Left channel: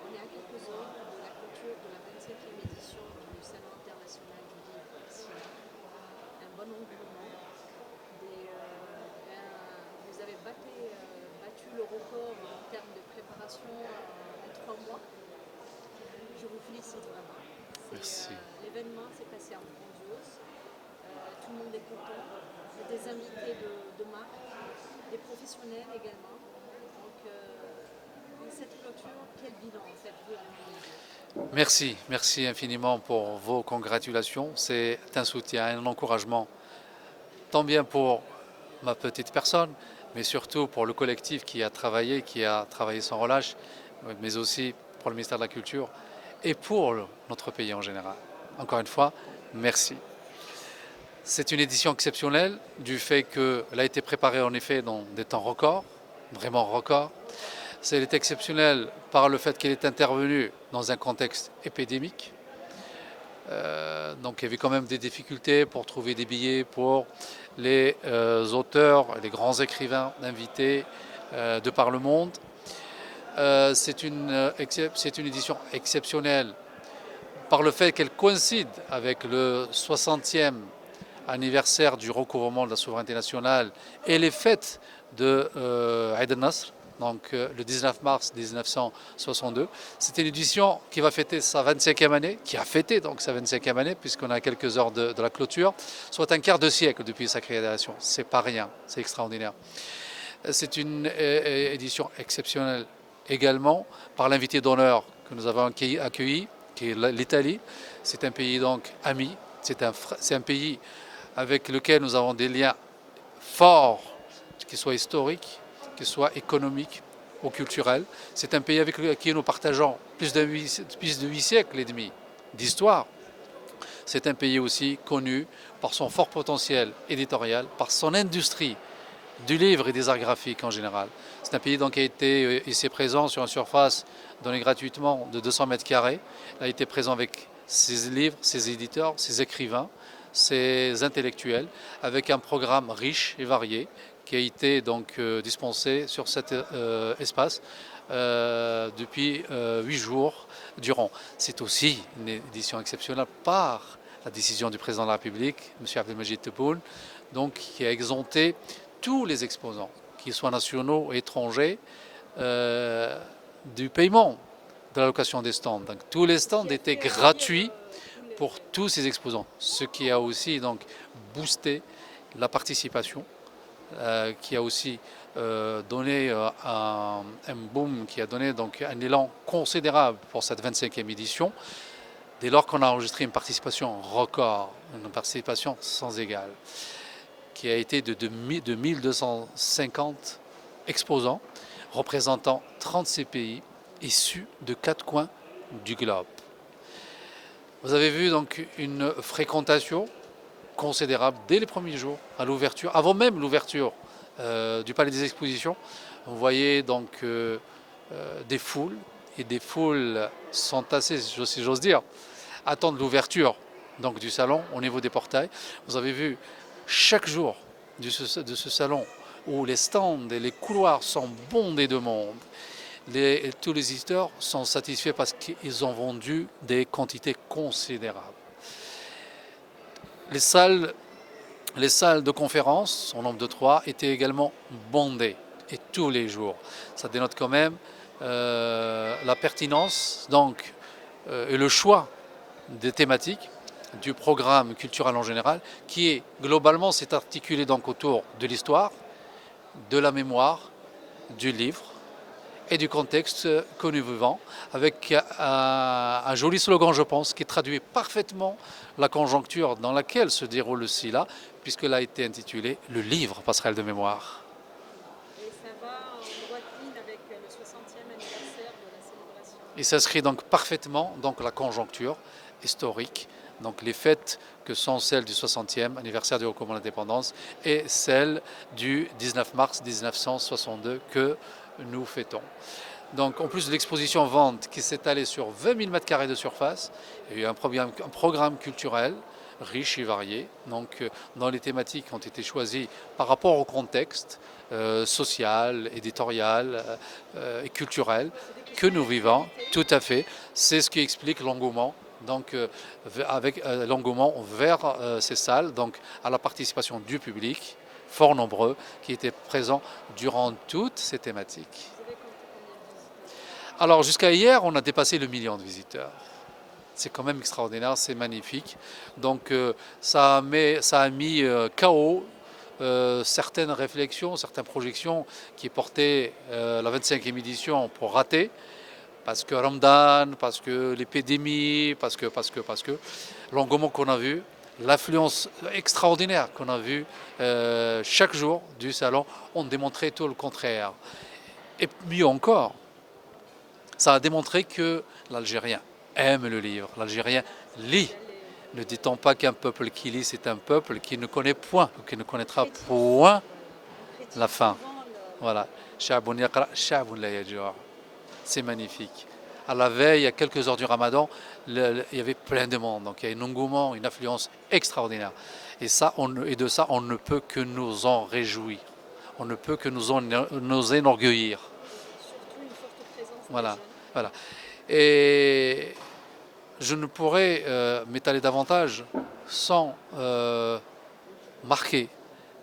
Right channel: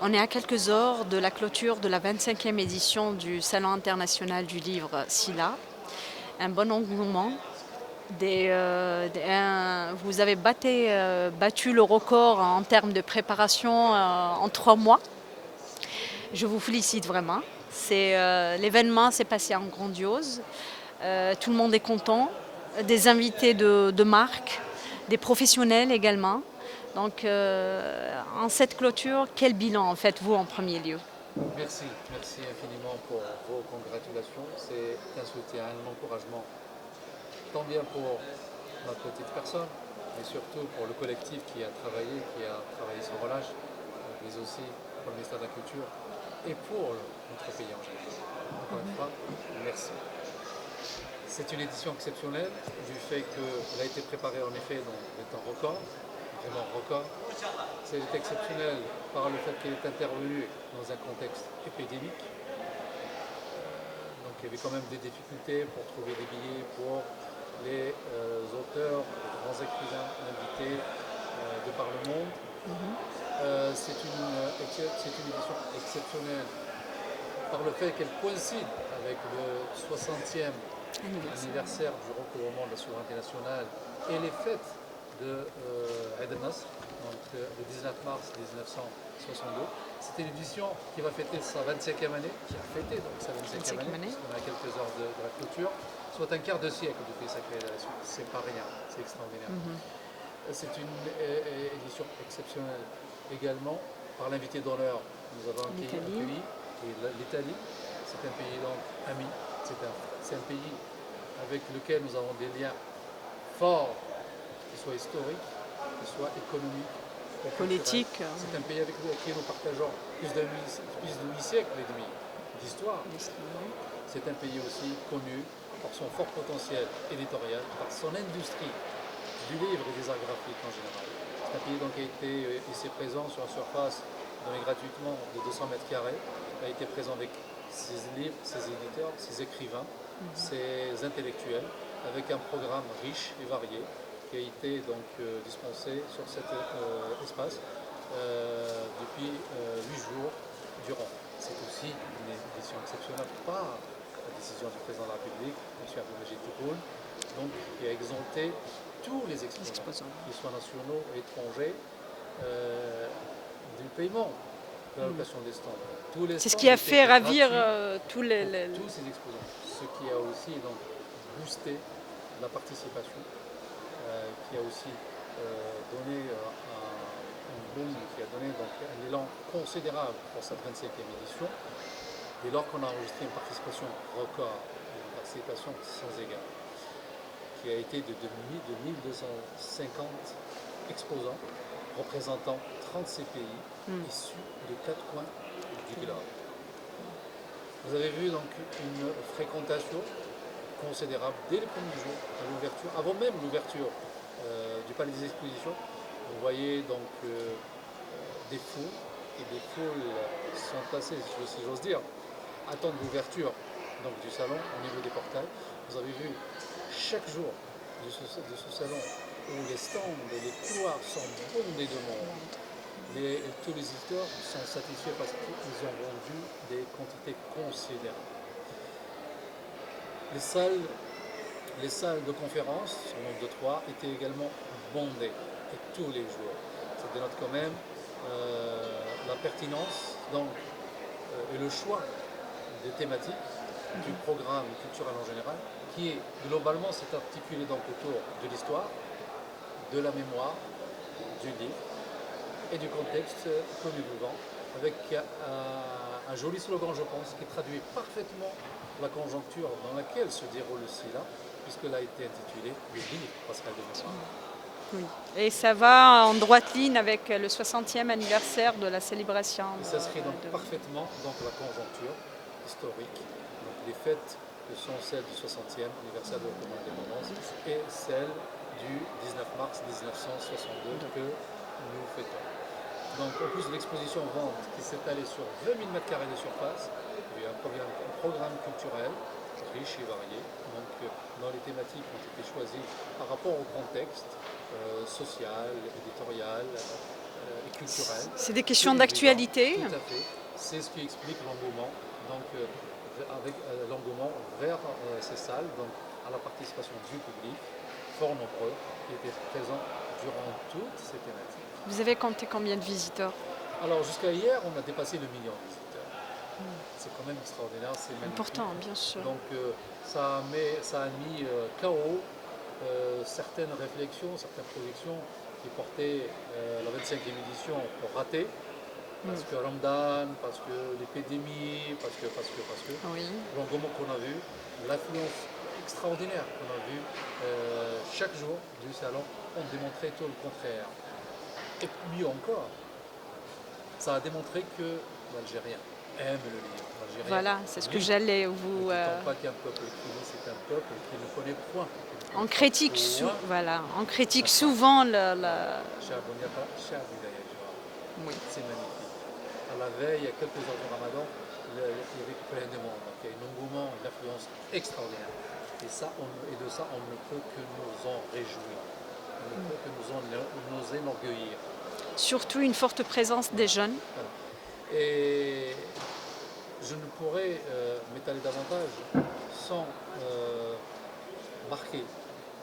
On est à quelques heures de la clôture de la 25e édition du Salon international du livre SILA. Un bon engouement. Vous avez battu le record en termes de préparation en 3 mois. Je vous félicite vraiment. L'événement s'est passé en grandiose. Tout le monde est content. Des invités de marque, des professionnels également. Donc, en cette clôture, quel bilan en faites-vous en premier lieu? Merci infiniment pour vos congratulations. C'est un soutien, un encouragement, tant bien pour ma petite personne, mais surtout pour le collectif qui a travaillé sans relâche, mais aussi pour le ministère de la Culture et pour notre pays en général. Encore une fois, merci. C'est une édition exceptionnelle du fait qu'elle a été préparée en effet dans des temps records, vraiment records. Elle est exceptionnelle par le fait qu'elle est intervenue dans un contexte épidémique. Donc il y avait quand même des difficultés pour trouver des billets pour les auteurs, les grands écrivains invités de par le monde. C'est une édition exceptionnelle par le fait qu'elle coïncide avec le 60e anniversaire du recouvrement de la souveraineté nationale et les fêtes de Eid al-Nasr, donc le 19 mars 1962. C'était une édition qui va fêter sa 25e année, qui a fêté donc sa 25e année, puisqu'on est à quelques heures de la clôture, soit un quart de siècle depuis sa création. C'est pas rien, c'est extraordinaire. C'est une édition exceptionnelle également par l'invité d'honneur que nous avons accueilli, qui est l'Italie. C'est un pays donc ami, c'est un pays avec lequel nous avons des liens forts, qu'ils soient historiques, qu'ils soient économiques ou culturels. C'est un pays avec qui nous partageons plus de 8 siècles et demi d'histoire. C'est un pays aussi connu par son fort potentiel éditorial, par son industrie du livre et des arts graphiques en général. C'est un pays donc qui a été ici présent sur une surface donnée gratuitement de 200 mètres carrés. Il a été présent avec ses livres, ses éditeurs, ses écrivains, ses intellectuels, avec un programme riche et varié qui a été donc dispensé sur cet espace depuis 8 jours durant. C'est aussi une édition exceptionnelle par la décision du président de la République, M. Abdelmajid Tebboune, donc qui a exempté tous les exposants, qu'ils soient nationaux ou étrangers, du paiement de la location des stands. Donc, tous les stands étaient gratuits pour tous ces exposants, ce qui a aussi donc boosté la participation, qui a aussi donné un boom, qui a donné donc un élan considérable pour cette 25e édition, dès lors qu'on a enregistré une participation record, une participation sans égale, qui a été de 1250 exposants, représentant 36 pays issus de 4 coins du globe. Vous avez vu donc une fréquentation considérable dès les premiers jours, à l'ouverture, avant même l'ouverture du Palais des Expositions. Vous voyez donc des foules, et des foules sont assez, si j'ose dire, attendent l'ouverture donc du salon au niveau des portails. Vous avez vu chaque jour de ce salon où les stands et les couloirs sont bondés de monde. Tous les visiteurs sont satisfaits parce qu'ils ont vendu des quantités considérables. Les salles de conférence, en nombre de 3, étaient également bondées, et tous les jours. Ça dénote quand même la pertinence donc, et le choix des thématiques du programme culturel en général, qui est globalement s'est articulé donc autour de l'histoire, de la mémoire, du livre et du contexte que nous vivons, avec un joli slogan, je pense, qui traduit parfaitement la conjoncture dans laquelle se déroule le SILA, puisqu'elle a été intitulée « Le livre passerelle de mémoire ». Oui. Et ça va en droite ligne avec le 60e anniversaire de la célébration. Et s'inscrit donc parfaitement dans la conjoncture historique, donc les fêtes que sont celles du 60e anniversaire du recouvrement de l'indépendance et celles du 19 mars 1962 que nous fêtons. Donc en plus de l'exposition vente qui s'est allée sur 20 000 m² de surface, il y a eu un programme culturel riche et varié. Donc, dans les thématiques qui ont été choisies par rapport au contexte social, éditorial et culturel C'est des que questions nous vivons. d'actualité. Tout à fait. C'est ce qui explique l'engouement. Donc, avec l'engouement vers ces salles, donc à la participation du public, fort nombreux, qui étaient présents durant toutes ces thématiques. Vous avez compté combien de visiteurs? Alors, jusqu'à hier, on a dépassé le million de visiteurs. C'est quand même extraordinaire, c'est magnifique. Important, bien sûr. Donc ça a mis KO certaines réflexions, certaines projections qui portaient la 25e édition pour rater, parce que Ramadan, parce que l'épidémie, parce que Oui. l'engouement qu'on a vu, l'affluence extraordinaire qu'on a vue chaque jour du salon, ont démontré tout le contraire. Et mieux encore, ça a démontré que l'Algérien aime le livre. L'Algérien Voilà, c'est ce que lit. j'allais vous. Ne dit-on pas qu'un peuple qui lit, c'est un peuple qui ne connaît point, qui ne On connaîtra critique, point voilà, on la critique fin. souvent Voilà. Sha'bun yaqra, sha'bun la yajua. Oui. C'est magnifique. À la veille, à quelques heures du Ramadan, il y avait plein de monde. Donc il y a un engouement, une affluence extraordinaire. Et de ça, on ne peut que nous en réjouir. On ne peut que nous enorgueillir. Surtout une forte présence Voilà. des jeunes. Voilà. Et je ne pourrais m'étaler davantage sans marquer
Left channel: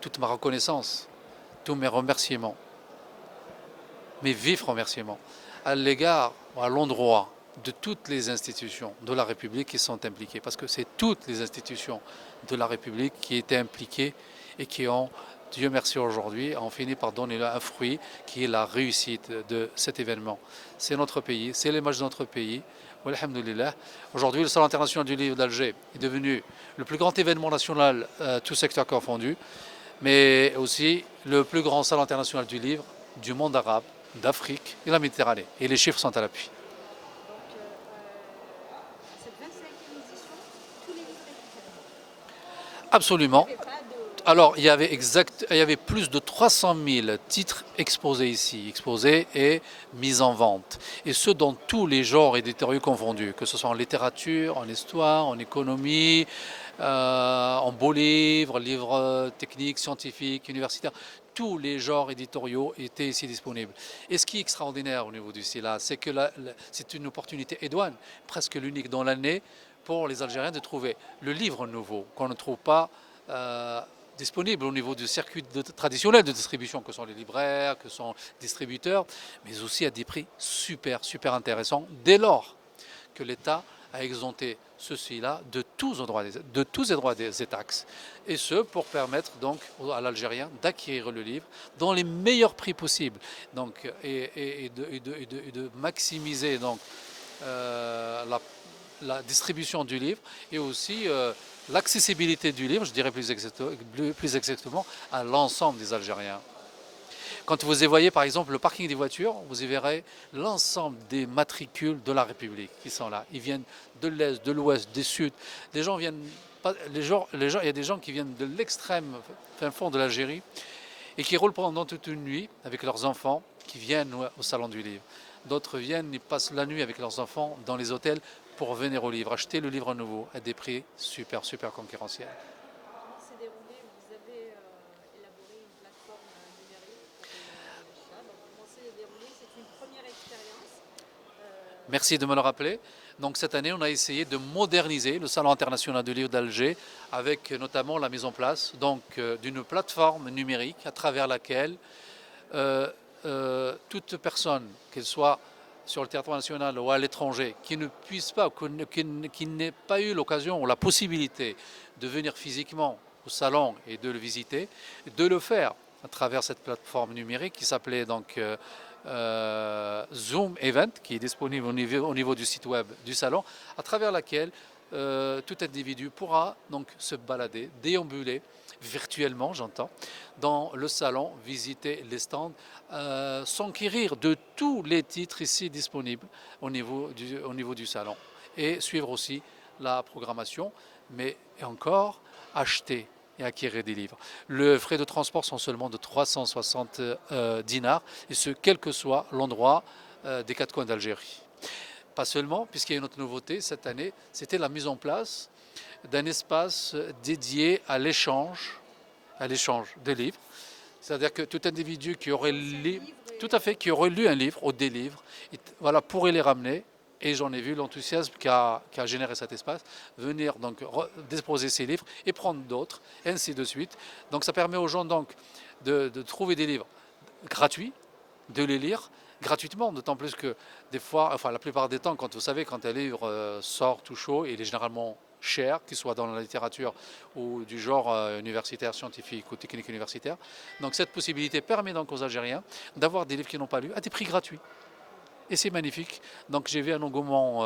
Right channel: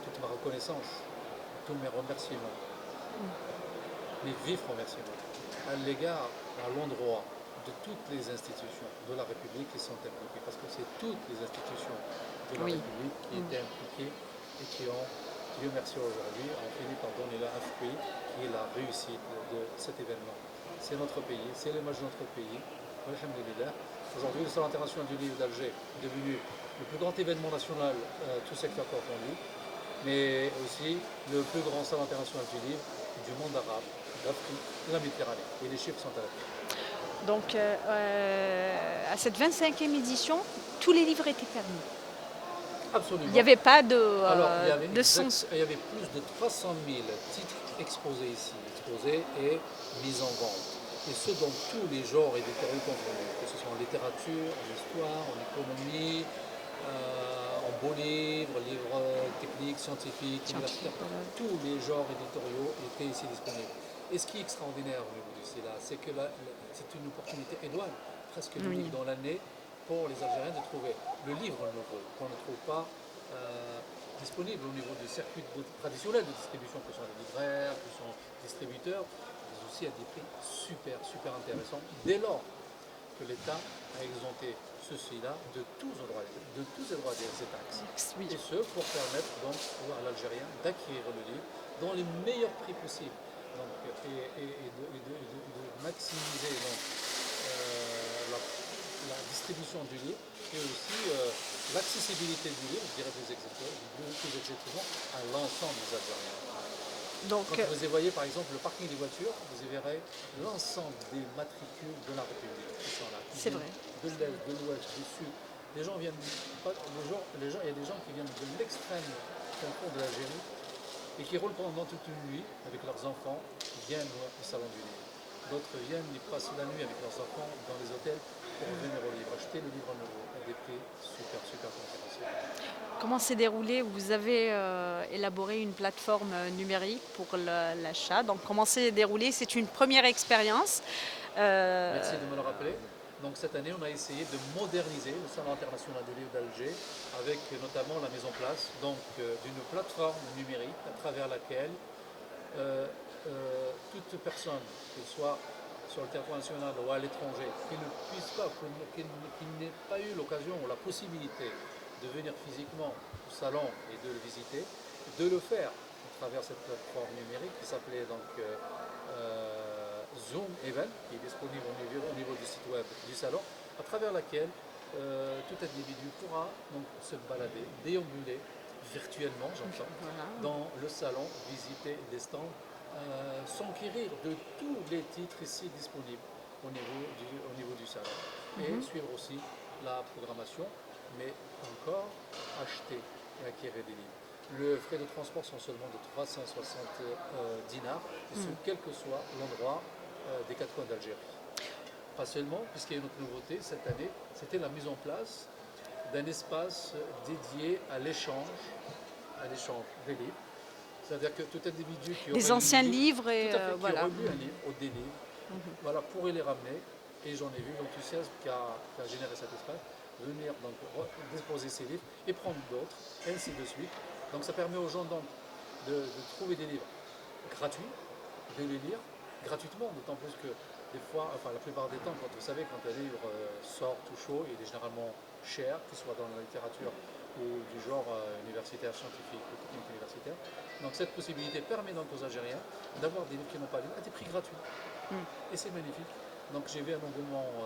toute ma reconnaissance, tous mes remerciements, mes vifs remerciements à l'égard, à l'endroit de toutes les institutions de la République qui sont impliquées, parce que c'est toutes les institutions de la Oui. République qui étaient impliquées et qui ont, Dieu merci aujourd'hui, ont fini par donner un fruit qui est la réussite de cet événement. C'est notre pays, c'est l'image de notre pays. Alhamdulillah. Aujourd'hui, le Salon international du livre d'Alger est devenu le plus grand événement national, tout secteur confondu, mais aussi le plus grand Salon international du livre du monde arabe, d'Afrique et de la Méditerranée. Et les chiffres sont à l'appui. Donc, à cette 25e édition, tous les livres étaient permis. Il Absolument. n'y avait pas de. Alors, il y avait plus de 300 000 titres exposés ici, exposés et mis en vente. Et ce, dans tous les genres éditoriaux confondus, que ce soit en littérature, en histoire, en économie, en beaux livres, livres techniques, scientifiques, universitaires. Tous les genres éditoriaux étaient ici disponibles. Et ce qui est extraordinaire au niveau du SILA, c'est que c'est une opportunité idoine, presque l'unique dans l'année, pour les Algériens de trouver le livre nouveau qu'on ne trouve pas disponible au niveau du circuit traditionnel de distribution, que sont les libraires, que sont les distributeurs, mais aussi à des prix super intéressants, dès lors que l'État a exempté ceci-là de tous les droits des taxes. Oui. Et ce, pour permettre donc à l'Algérien d'acquérir le livre dans les meilleurs prix possibles, donc, et de maximiser donc, la distribution du livre et aussi l'accessibilité du livre, je dirais plus exactement, à l'ensemble des Algériens. Donc, Quand vous y voyez par exemple le parking des voitures, vous y verrez l'ensemble des matricules de la République qui sont là. Ils viennent de l'Est, de l'Ouest, du Sud. Les gens viennent, il y a des gens qui viennent de l'extrême fond de l'Algérie et qui roulent pendant toute une nuit avec leurs enfants qui viennent au Salon du Livre. D'autres viennent, ils passent la nuit avec leurs enfants dans les hôtels pour venir au livre, acheter le livre nouveau à des prix super concurrentiels. comment s'est déroulé? Vous avez élaboré une plateforme numérique pour l'achat. Donc, comment s'est déroulé? C'est une première expérience. Merci de me le rappeler. Donc cette année, on a essayé de moderniser le Salon international du livre d'Alger avec notamment la mise en place d'une plateforme numérique à travers laquelle toute personne, qu'elle soit sur le territoire national ou à l'étranger, qui ne puisse pas, qui n'ait pas eu l'occasion ou la possibilité de venir physiquement au salon et de le visiter, de le faire à travers cette plateforme numérique qui s'appelait donc Zoom Event, qui est disponible au niveau du site web du salon, à travers laquelle tout individu pourra donc se balader, déambuler virtuellement, j'entends, dans le salon, visiter les stands, s'enquérir de tous les titres ici disponibles au niveau du salon et suivre aussi la programmation, mais encore acheter et acquérir des livres. Les frais de transport sont seulement de 360 dinars, et ce, quel que soit l'endroit des quatre coins d'Algérie. Pas seulement, puisqu'il y a une autre nouveauté cette année, c'était la mise en place d'un espace dédié à l'échange de livres. C'est-à-dire que tout individu qui aurait Des anciens livres et tout à fait, qui voilà. aurait lu un livre ou des livres, voilà, pourrait les ramener. Et j'en ai vu l'enthousiasme qu'a généré cet espace, venir donc déposer ces livres et prendre d'autres, et ainsi de suite. Donc ça permet aux gens donc de trouver des livres gratuits, de les lire gratuitement, d'autant plus que des fois, enfin la plupart des temps, quand vous savez, quand un livre sort tout chaud, il est généralement cher, qu'il soit dans la littérature ou du genre universitaire, scientifique ou technique universitaire. Donc cette possibilité permet donc aux Algériens d'avoir des livres qu'ils n'ont pas lus à des prix gratuits. Et c'est magnifique. Donc j'ai vu un engouement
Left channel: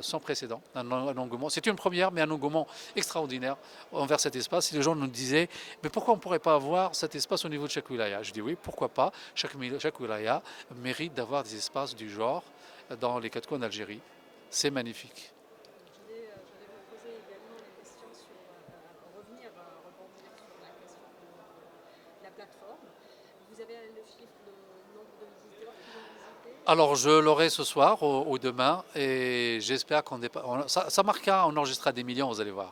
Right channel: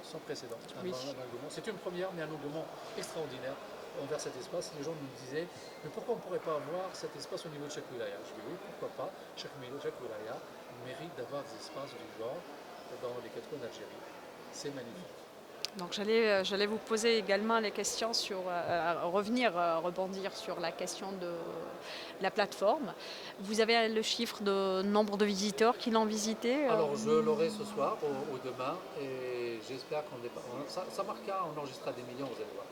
sans précédent. Un engouement. C'est une première, mais un engouement extraordinaire envers cet espace. Et les gens nous disaient, mais pourquoi on ne pourrait pas avoir cet espace au niveau de chaque wilaya? Je dis oui, pourquoi pas. Chaque wilaya mérite d'avoir des espaces du genre dans les quatre coins d'Algérie. C'est magnifique. Donc j'allais vous poser également les questions sur rebondir sur la question de la plateforme. Vous avez le chiffre de nombre de visiteurs qui l'ont visité? Alors je l'aurai ce soir ou demain et j'espère qu'on dépasse. Ça marquera, on enregistrera des millions, vous allez voir.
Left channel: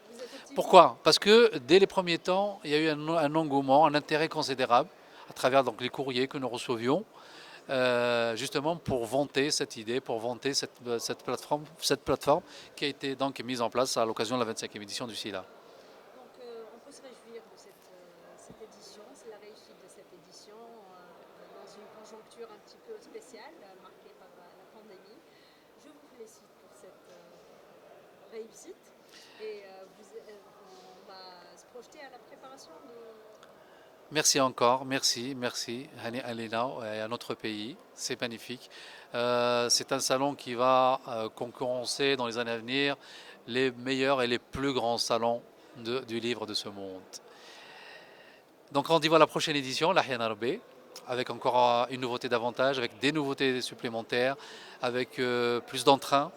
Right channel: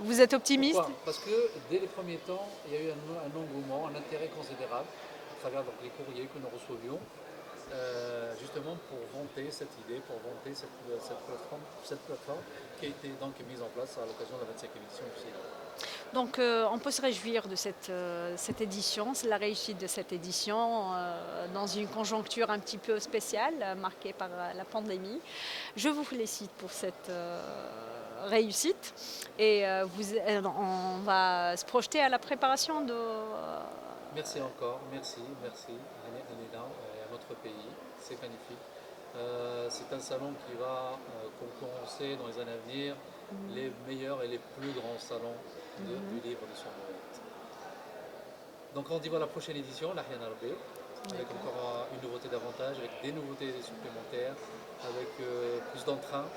Vous êtes optimiste? Pourquoi? Parce que dès les premiers temps, il y a eu un engouement, un intérêt considérable à travers donc, les courriers que nous recevions, justement pour vanter cette idée, pour vanter cette plateforme qui a été donc mise en place à l'occasion de la 25e édition du SILA. Donc on peut se réjouir de cette édition, c'est la réussite de cette édition dans une conjoncture un petit peu spéciale marquée par la pandémie. Je vous félicite pour cette réussite et on va se projeter à la préparation de... Merci encore, merci Alena et à notre pays, c'est magnifique. C'est un salon qui va concurrencer dans les années à venir les meilleurs et les plus grands salons du livre de ce monde. Donc rendez-vous à la prochaine édition, l'Ahyana Rabé, avec encore une nouveauté davantage, avec des nouveautés supplémentaires, avec plus d'entrain,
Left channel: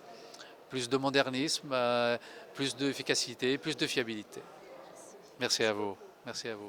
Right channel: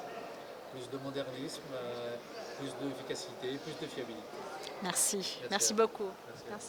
plus de modernisme, plus d'efficacité, plus de fiabilité. Merci. Merci à vous. Beaucoup. Merci à vous.